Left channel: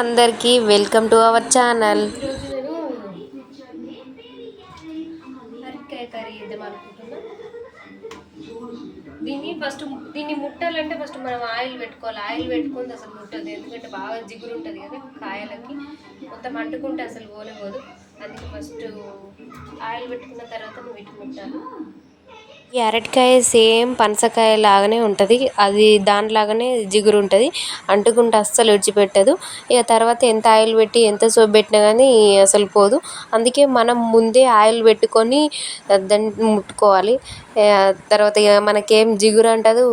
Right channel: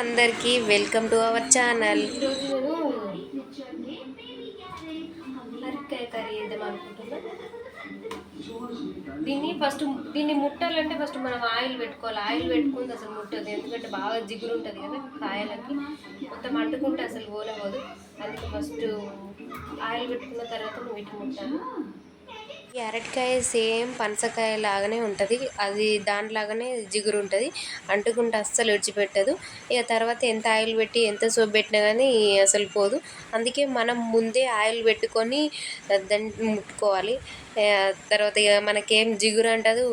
అందరికీ welcome to our channel. అరకాయ curry చేద్దాం దీన్ని ఫస్ట్ దీన్ని ముట్టాలంటే ఫస్ట్ మనం ఆయిల్ పెట్టుకోవాలి. ఆయిల్ పెట్టుకుంది అసలు ముట్టదు. ఎందుకంటే బాగా జిగురు ఉంటుంది కదా కాయలకి. మొత్తం అంటుకుంటే అసలు పోనే అందుకే ఫస్ట్ ఆయిల్ పెట్టుకున్న తర్వాత నువ్వు ఇటు ముట్టాలి. ఈ అరటికాయ సేమ్ పనసకాయ లాగానే ఉంటుంది. అది దానిలాగానే జిగురు ఉంటుంది. అంటుకుంటే అస్సలు విడిచిపెట్టదు. ఇక తర్వాత ఎంత ఆయిల్ పెట్టి ఎంత సోప్ పెట్టినా కానీ అసలు పోదు. అందుకే మనం ముందే ఆయిల్ పెట్టుకొని దాన్ని ముట్టుకోవాలి. తర్వాత ఇక మనకేం జిగురు అంటదు.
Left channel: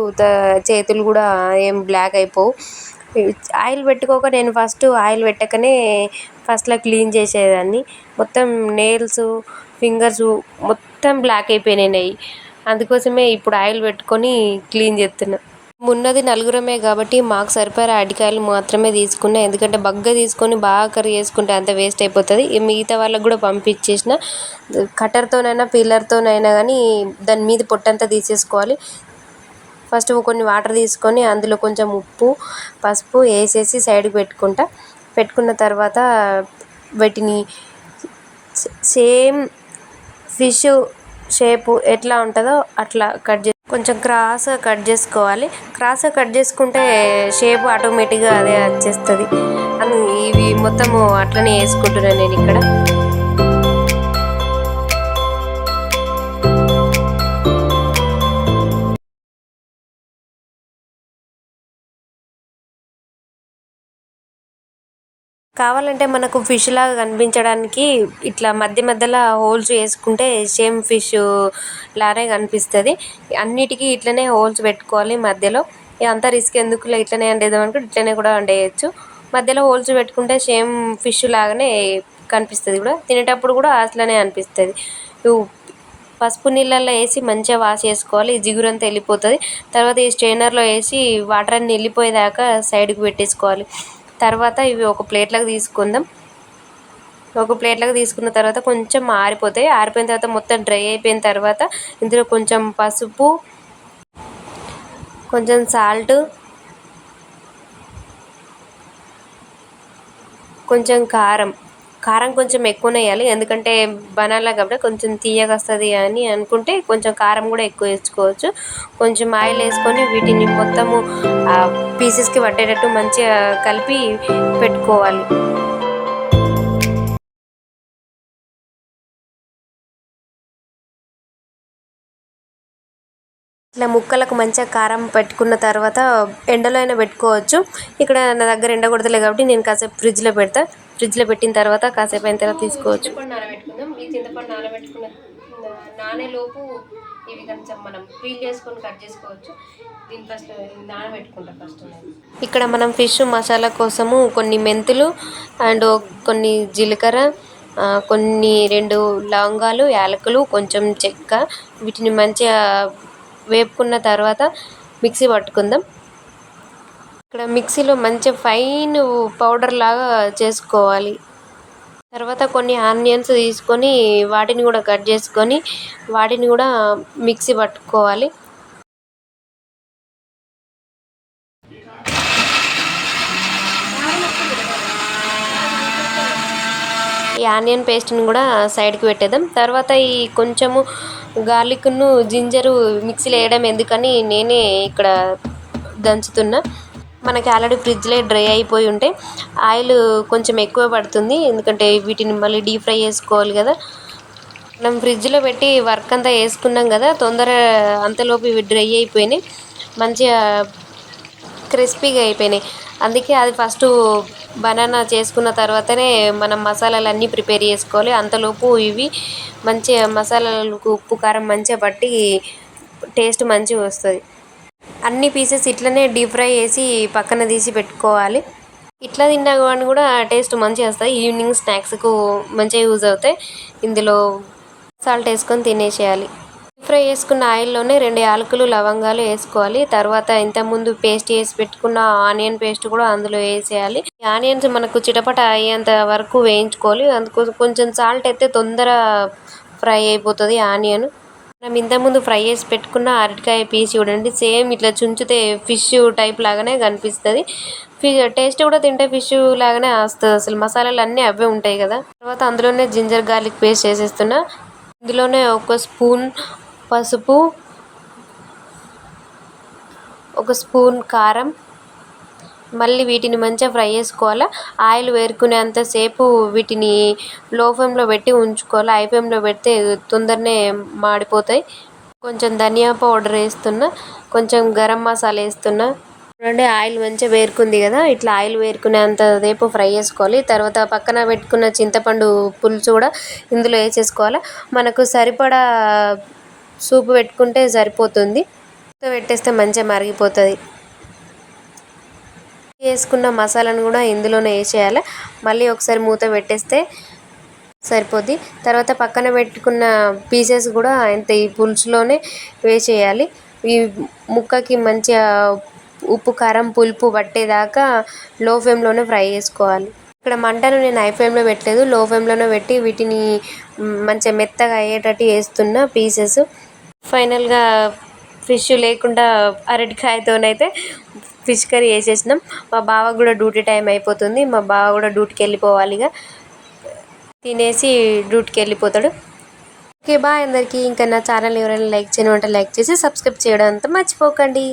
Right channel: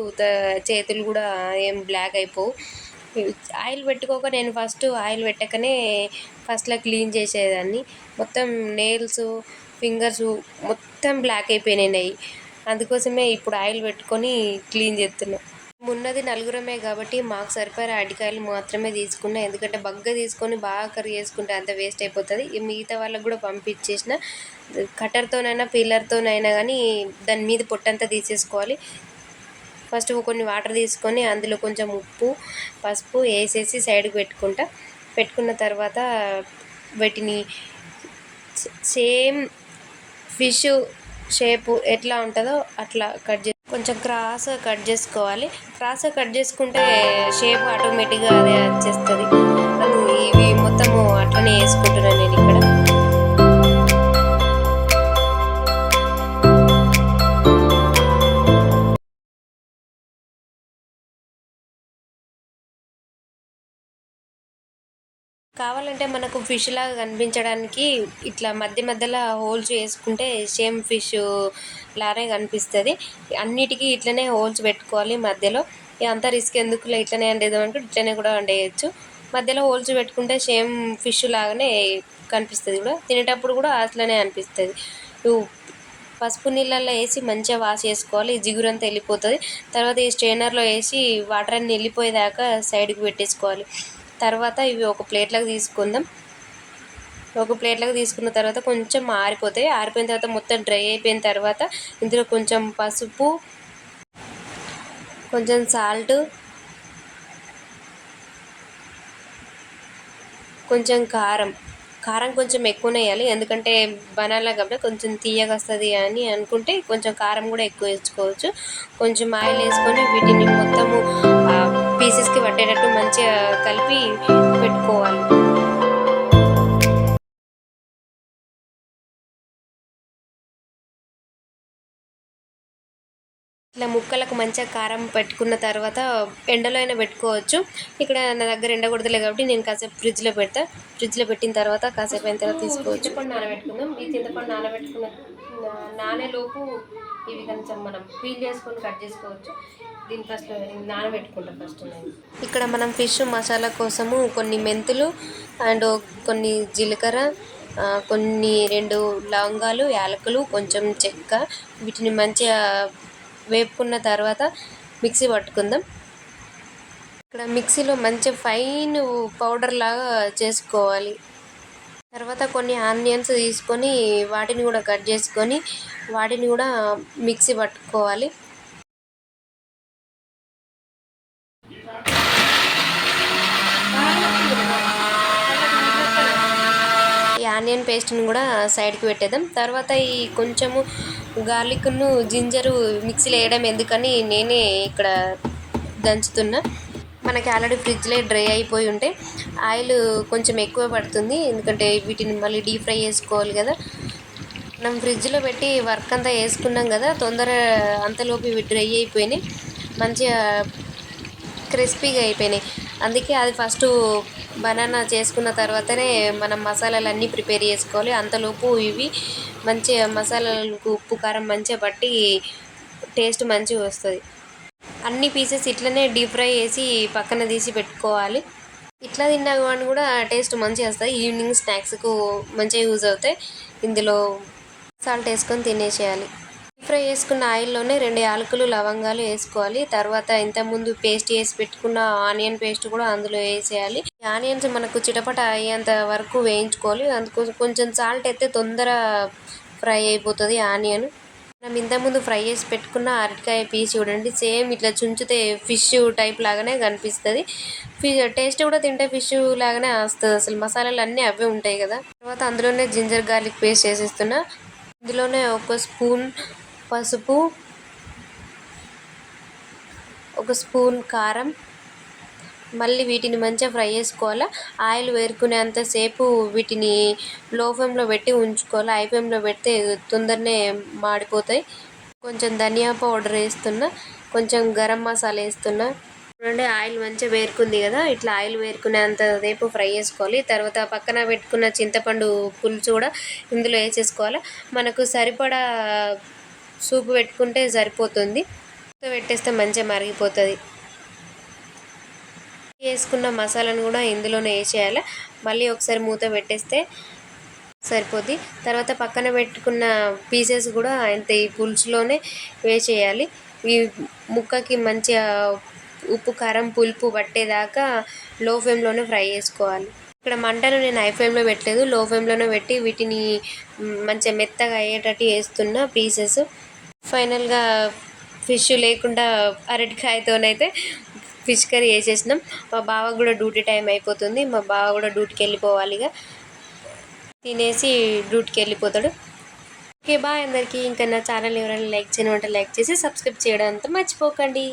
చేతులు కూడా ఏం బ్లాక్ అయిపోవు. ఆయిల్ పెట్టుకోక నేను ఫస్ట్ ఆయిల్ పెట్టకనే ఫస్ట్లో క్లీన్ చేసేదాన్ని. మొత్తం నెయిల్స్ ఫింగర్స్ మొత్తం బ్లాక్ అయిపోయినాయి. అందుకోసమే ఇప్పుడు ఆయిల్ పెట్టుకొని క్లీన్ చేస్తున్నా. ఉన్నది నలుగురమే కాబట్టి మాకు సరిపడే అరటికాయలు మాత్రమే తీసుకున్నా. ఎందుకంటే బగ్గ తీసుకొని బాగా కర్రీ చేసుకుంటే అంత వేస్ట్ అయిపోతుంది. మిగతా వాళ్ళకి కూడా పంపించేసిన. కట్టర్తోనైనా పిల్లర్తోనైనా కానీ దాని మీద పొట్టంతా తీసేసుకోవాలి. ఫస్ట్ కొన్ని వాటర్ తీసుకొని అందులో కొంచెం ఉప్పు పసుపు వేసేసి సైడ్కి పెట్టుకుంటా. పెట్టుకున్న తర్వాత వీటిని సేమ్ ఫిష్ షేపు ఎట్లా ఉంటుందో అట్లా కట్ చే కొంచెం క్రాస్గా కట్ చేసుకోవాలి. క్రాస్గా కట్ చేసుకుంటే షేప్ ఆటోమేటిక్గా అదే వచ్చేస్తుంది అని ఇవి మొత్తము అట్లనే వేసుకుంటున్నాను నేను ఇక్కడ. కావాలంటే మనకు ఫిష్ లాగా కనిపించడానికి ఇట్లా మధ్య మధ్యలో హోల్స్ వేసుకుంటే సేమ్ ఫిష్ లానే కనిపిస్తుంది. అన్నిటికీ ఇట్లనే హోల్స్ పెట్టుకోవాలి మధ్యలో. ఇక అంత రిస్క్ ఎందుకులే ఇట్లనే వండేదాం అనుకుంటే ఇట్లనే కూడా వండేయచ్చు మధ్యలో హోల్స్ పెట్టుకుంటే సేమ్ ఫిష్ లాగానే కనిపిస్తుంది కూడా. తినేటప్పుడు కూడా అట్లనే అనిపిస్తుంది. పసుపు నీళ్ళల్లో వేసి మంచిగా వాష్ చేసుకోవాలి. జిగురు అంతా వెళ్ళిపోతుంది. తర్వాత ఈ స్ట్రైనర్లో వేసి వాటర్ అన్ని వెళ్ళిపోయేదాకా సైడ్కి పెట్టేసుకోవాలి. తర్వాత ఇవి ఒక ప్లేట్లోకి తీసుకుందాం. ఒక ప్లేట్లోకి తీసుకున్న తర్వాత కొంచెం ఆరిపోతాయి. ఆరిపోయిన తర్వాత మొత్తం డ్రై అయిపోయిన తర్వాత ఇందులో కొంచెం పసుపు కొంచెం సాల్ట్ కొంచెం కారం కారం కొంచెం ఎక్కువనే వేయాలి ఎందుకంటే బనాలా కాబట్టి కొంచెం తీయగా వస్తుంది అని అనుకుంటే కొంచెం కారం కూడా ఎక్కువ వేసుకోవచ్చు. కొంచెం ఆయిల్ వేసుకొని వీటిని మొత్తము పీసెస్కి పట్టేటట్టు మంచిగా కలిపి పెట్టుకోవాలి. ఇట్లా ముక్కలకు మంచిగా కారం పెట్టుకున్న తర్వాత ఎండలో అయినా పెట్టుకోవచ్చు. ఇక్కడ నా దగ్గర ఎండ కొడతలే కాబట్టి నేను కాసేపు ఫ్రిడ్జ్లో పెడతా. ఫ్రిడ్జ్లో పెట్టిన తర్వాత కాసేపు అయిన తర్వాత తీసుకోవచ్చు. చింతపండు నానబెట్టుకుందాం ఈ చింతపండు నానబెట్టుకున్న నా- నానేలోపు ఇవి కొంచెం మనం పీల్ చేసుకొని కట్ చేసుకోవచ్చు. దీని ఫస్ట్ నానబెట్టుకుంటాం ఫస్ట్ ఇక్కడ మనం ఫిష్ మసాలా కోసము కొన్ని మెంతులు అండ్ కొన్ని జీలకర్ర కొన్ని రెండు లవంగాలు యాలకులు కొంచెం చెక్క. వీటిని మంచిగా వేపుకున్న తర్వాత మిక్సీ పట్టుకుందాం. ఇక్కడ మిక్సీలో మంచి ఫైన్ పౌడర్ లాగా చేసుకోవాలి. తర్వాత కొన్ని ఆనియన్స్ తీసుకొని వాటిని కూడా కట్ చేసుకొని వాటిని కూడా మిక్సీ పట్టుకోవాలి. ఈ ఆనియన్ పేస్ట్ని కూడా సైడ్కి పెట్టేద్దాం. తర్వాత ఈ కొంచెము గార్లిక్ను జింజరు మిక్సీలో వేయడం ఎందుకని నేనే ఇక్కడ దంచుతున్నా. మనకి ఆల్రెడీ ఫ్రిడ్జ్లో డ్రై అయిపోయి ఉంటే ఆయిల్ కొంచెం ఎక్కువ పడుతుంది. ఎందుకంటే వీటిని మళ్ళీ డీప్ ఫ్రై చేసుకోవాలి కదా. మనం ఫ్రిడ్జ్లో పెట్టి వర్క్ అంతా వేసుకున్నాం కదా తొందర అంతలోపు ఇవి డ్రై అయిపోయినాయి. మంచిగా క్రిస్పీగా అయిపోయినాయి. అందుకే అది ఫస్ట్ బనానా చేసుకున్న తర్వాతనే మనం మసాలాలు అన్నీ ప్రిపేర్ చేసుకోవాలి. అంతలోపు ఇవి మంచిగా మసాలాలకు ఉప్పు కారం మంచిగా పట్టి టేస్ట్ మంచిగా వస్తుంది. అన్ని పీసెస్ ఇట్లనే డీప్ ఫ్రై చేసి పక్కన తీసి పెట్టుకోవాలి. ఇట్లా తిన్నా కానీ కూడా టేస్ట్ మంచిగా వస్తుంది. ఈవినింగ్ స్నాక్స్కు మంచిగా యూజ్ అవుతాయి. ఇందులో సాల్ట్ వేసుకొని తినేసేయాలి. ఫ్రై చేసుకున్న ఆయిల్లోనే రెండు యాలకులు లవంగాలు వేసుకోవాలి. తర్వాత ఇంతకుముందు పేస్ట్ చేసి పెట్టుకున్న ఆనియన్ పేస్ట్ కూడా అందులో వేసేయాలి. ఆనియన్స్ మనకు చిటపట అయ్యేంత వరకు వేయించుకోవాలి. అందుకోసం కొంచెం సాల్ట్ అయితే తొందర ఫ్రై అయిపోతుంది ఆనియన్. మనం ఇంతకుముందు ఫ్రై చేసి పెట్టుకున్న అరటికాయ పీస్ చూడండి. సేమ్ ఇట్లా చుంచితే ఫిష్ టైప్ లాగానే కనిపిస్తుంది. టేస్ట్ కూడా తింటే ఫిష్ లాగానే వస్తుంది అసలు. మసాలాలు అన్నీ అవే ఉంటాయి కదా. తర్వాత అందులోనే జింజర్ గార్లిక్ పేస్ట్ వేసేస్తున్నా ఇందులోనే ఒక స్పూన్ పసుపు ఒక స్పూన్ కారం. మళ్ళీ వీటిని మంచిగా ఫ్రై చేసుకోవాలి? ఆయిల్ వేరుకునేంతసేపు వీటిని లో ఫ్లేమ్లో పెట్టి ఉంచుకోవాలి? హై ఫ్లేమ్లో పెడితే తొందరనే మాడిపోతాయి. కొంచెం ధనియా పౌడర్ వేస్తున్నా కొంచెం గరం మసాలా వేస్తున్నా. చూడండి ఆయిల్ మంచిగా వేరుకుంది కదా? ఇట్లా ఆయిల్ వేరుకునేంతసేపు ఫ్రై చేసుకోవాలి. తర్వాత పక్కన పెట్టుకున్న చింతపండు పులుసు కూడా ఇందులో వేసేసుకోవాలి? మనకు సరిపడా సూప్ పెట్టుకుంటే సరిపోతుంది. పెట్టేస్తే మంచిగా మరిగిపోతుంది. వేసుకున్న మసాలాను కూడా ఇందులోనే వేసేయాలి. మళ్ళీ ఒకసారి మూత పెట్టేస్తే సరిపోద్ది. తర్వాత పక్కన పెట్టుకున్న పీసెస్ కూడా అంత ఈ పులుసులోనే వేసేయాలి. ఈ ముక్కకి మంచిగా ఉప్పు కారం పులుపు పట్టేదాకా లో ఫ్లేమ్లోనే ఫ్రై చేసుకోవాలి. ఇక్కడ మంటను నేను హై ఫ్లేమ్లో పెట్టలేదు. లో ఫ్లేమ్లోనే పెట్టి వీటిని మంచిగా మెత్తగా అయ్యేటట్టు వేస్తున్న పీసెస్. ఫైనల్గా ఫిష్ లేకుండా అరటికాయతోనైతే ఫిష్ కర్రీ వేసేసినాం మా బావ కూడా డ్యూటీ టైం అయిపోతుంది. మా బావ కూడా డ్యూటీకి వెళ్ళిపోవాలి ఇక. తినేసి డ్యూటీకి వెళ్ళిపోతాడు. ఓకే బాయ్ అందరికీ. ఇంకా నా ఛానల్ ఎవరైనా లైక్ చేయడం అంటే లైక్ చేసి సబ్స్క్రైబ్ చేయడం అంతా మర్చిపోకండి.